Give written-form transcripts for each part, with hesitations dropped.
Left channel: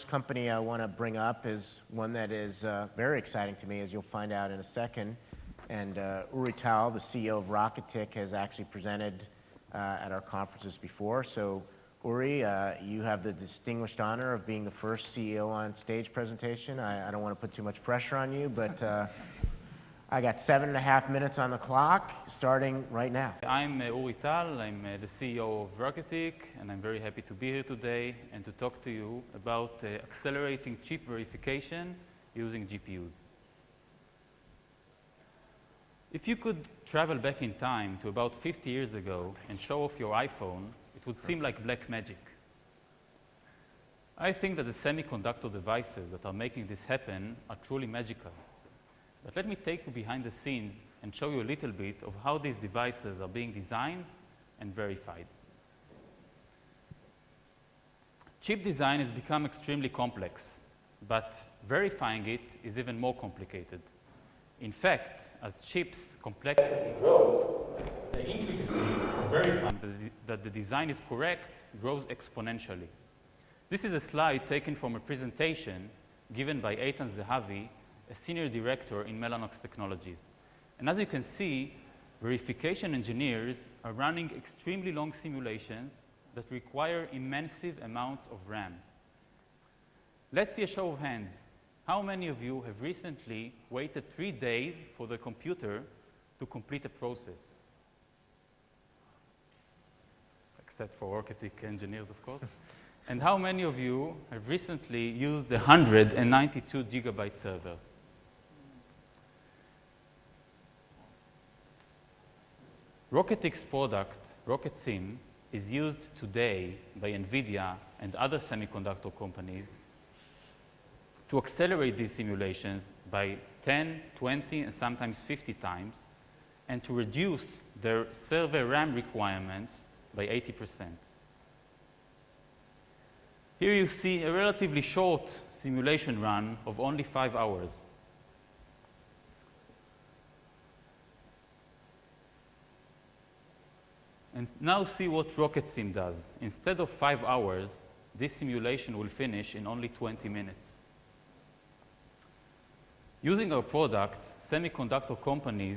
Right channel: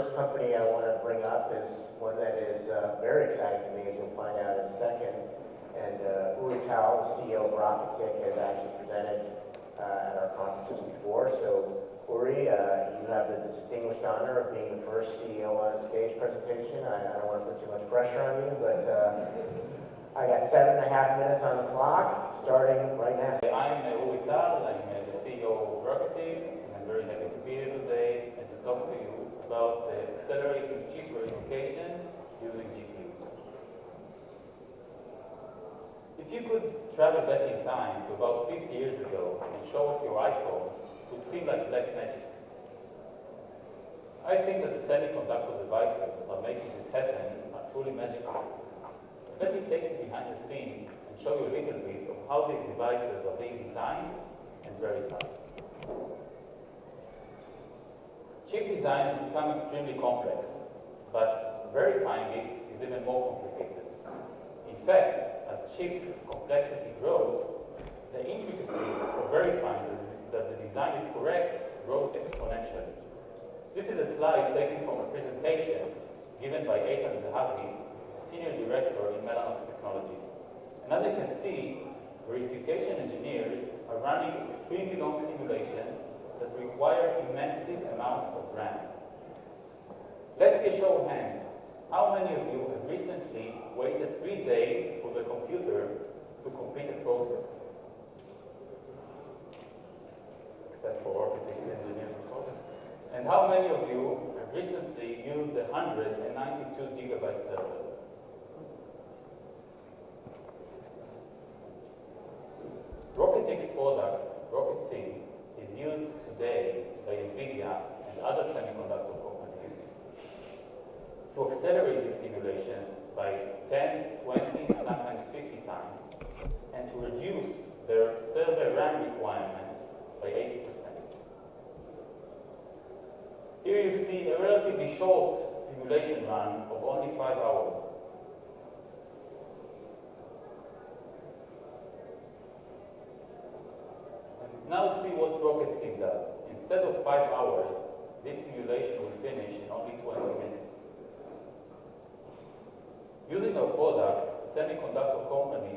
first company I want to bring up is one that is very exciting to me, as you'll find out in a second. And Uri Tal, the CEO of Rocketick, has actually presented at our conferences before. So Uri, you have the distinguished honor of being the first CEO on stage presentation. I don't want to put too much pressure on you, but I got 7.5 minutes on the clock, starting right now. I'm Uri Tal, I'm the CEO of Rocketick, and I'm very happy to be here today and to talk to you about accelerating chip verification using GPUs. If you could travel back in time to about 50 years ago and show off your iPhone, it would seem like black magic. I think that the semiconductor devices that are making this happen are truly magical. But let me take you behind the scenes and show you a little bit of how these devices are being designed and verified. Chip design has become extremely complex, but verifying it is even more complicated. In fact, as chips' complexity grows, the intricacy of verifying that the design is correct grows exponentially. This is a slide taken from a presentation given by Eitan Zehavi, a senior director in Mellanox Technologies. And as you can see, verification engineers are running extremely long simulations that require immense amounts of RAM. Let's see a show of hands. How many of you have recently waited 3 days for the computer to complete a process? Except for Rocketick engineers, of course. And how many of you have recently used the 192 gigabyte server? Rocketick's product, RocketSim, is used today by NVIDIA and other semiconductor companies to accelerate these simulations by 10, 20, and sometimes 50 times, and to reduce their server RAM requirements by 80%. Here you see a relatively short simulation run of only 5 hours. And now see what RocketSim does. Instead of 5 hours, this simulation will finish in only 20 minutes. Using our product, semiconductor companies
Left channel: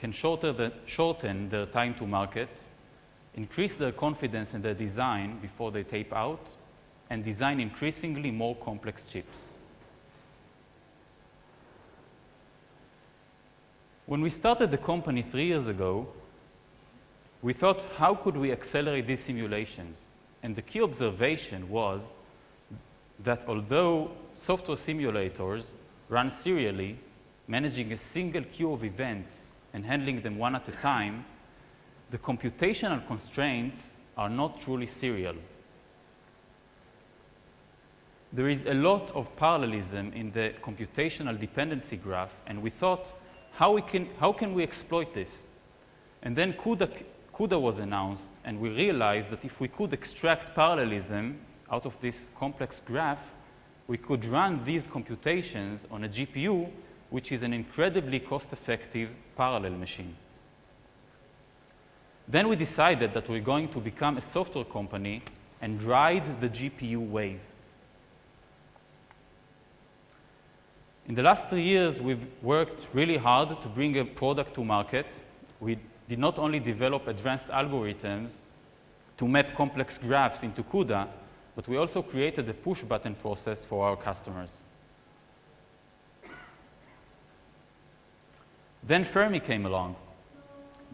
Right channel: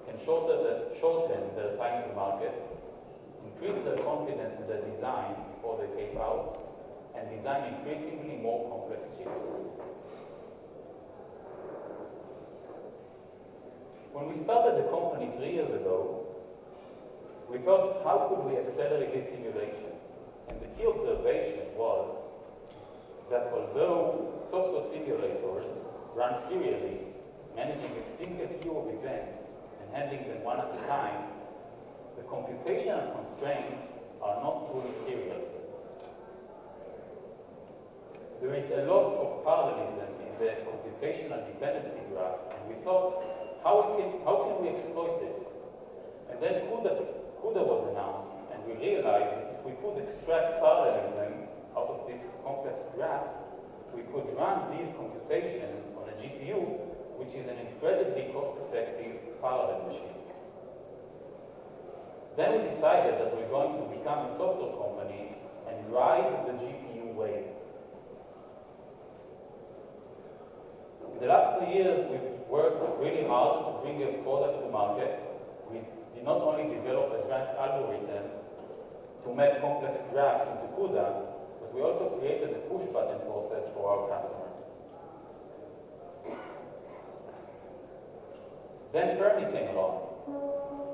can shorten their time to market, increase their confidence in their design before they tape out, and design increasingly more complex chips. When we started the company 3 years ago, we thought, how could we accelerate these simulations? And the key observation was that although software simulators run serially, managing a single queue of events and handling them one at a time, the computational constraints are not truly serial. There is a lot of parallelism in the computational dependency graph, and we thought, how can we exploit this? And then CUDA was announced, and we realized that if we could extract parallelism out of this complex graph, we could run these computations on a GPU, which is an incredibly cost-effective parallel machine. Then we decided that we're going to become a software company and ride the GPU wave. In the last 3 years, we've worked really hard to bring a product to market. We did not only develop advanced algorithms to map complex graphs into CUDA, but we also created a push-button process for our customers. Then Fermi came along.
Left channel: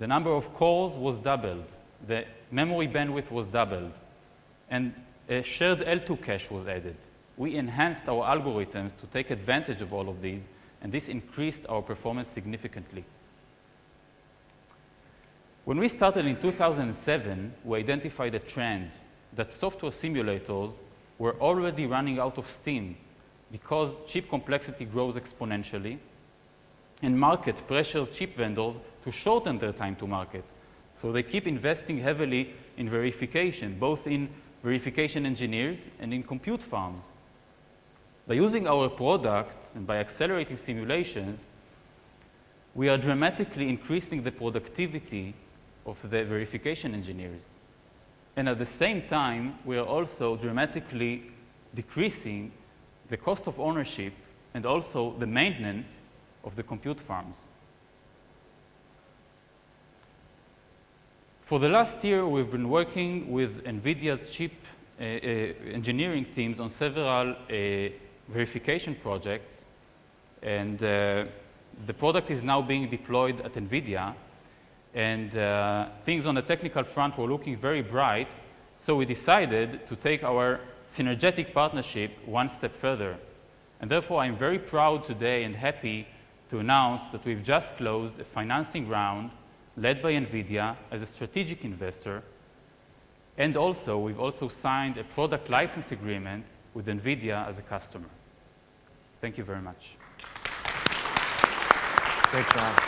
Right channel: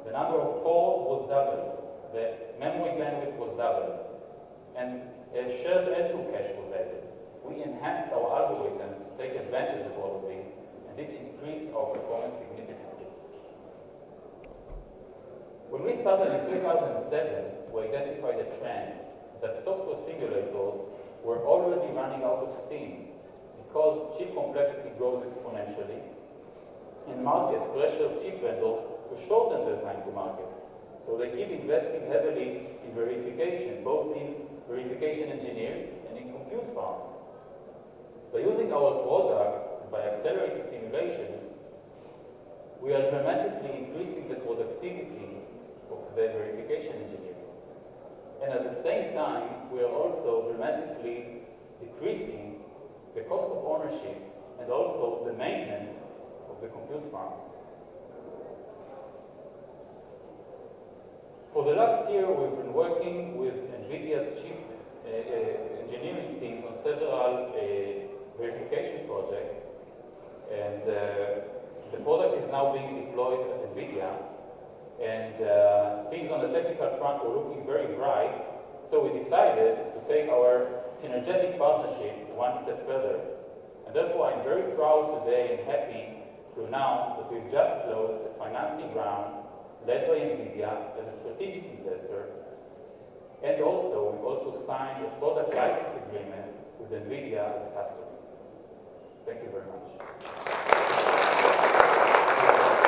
The number of cores was doubled, the memory bandwidth was doubled, and a shared L2 cache was added. We enhanced our algorithms to take advantage of all of these, and this increased our performance significantly. When we started in 2007, we identified a trend that software simulators were already running out of steam because chip complexity grows exponentially and market pressures chip vendors to shorten their time to market. So they keep investing heavily in verification, both in verification engineers and in compute farms. By using our product and by accelerating simulations, we are dramatically increasing the productivity of the verification engineers. And at the same time, we are also dramatically decreasing the cost of ownership, and also the maintenance of the compute farms. For the last year, we've been working with NVIDIA's chip engineering teams on several verification projects, and the product is now being deployed at NVIDIA, and things on the technical front were looking very bright, so we decided to take our synergetic partnership one step further. And therefore, I'm very proud today and happy to announce that we've just closed a financing round led by NVIDIA as a strategic investor, and also we've also signed a product license agreement with NVIDIA as a customer. Thank you very much. Thank you.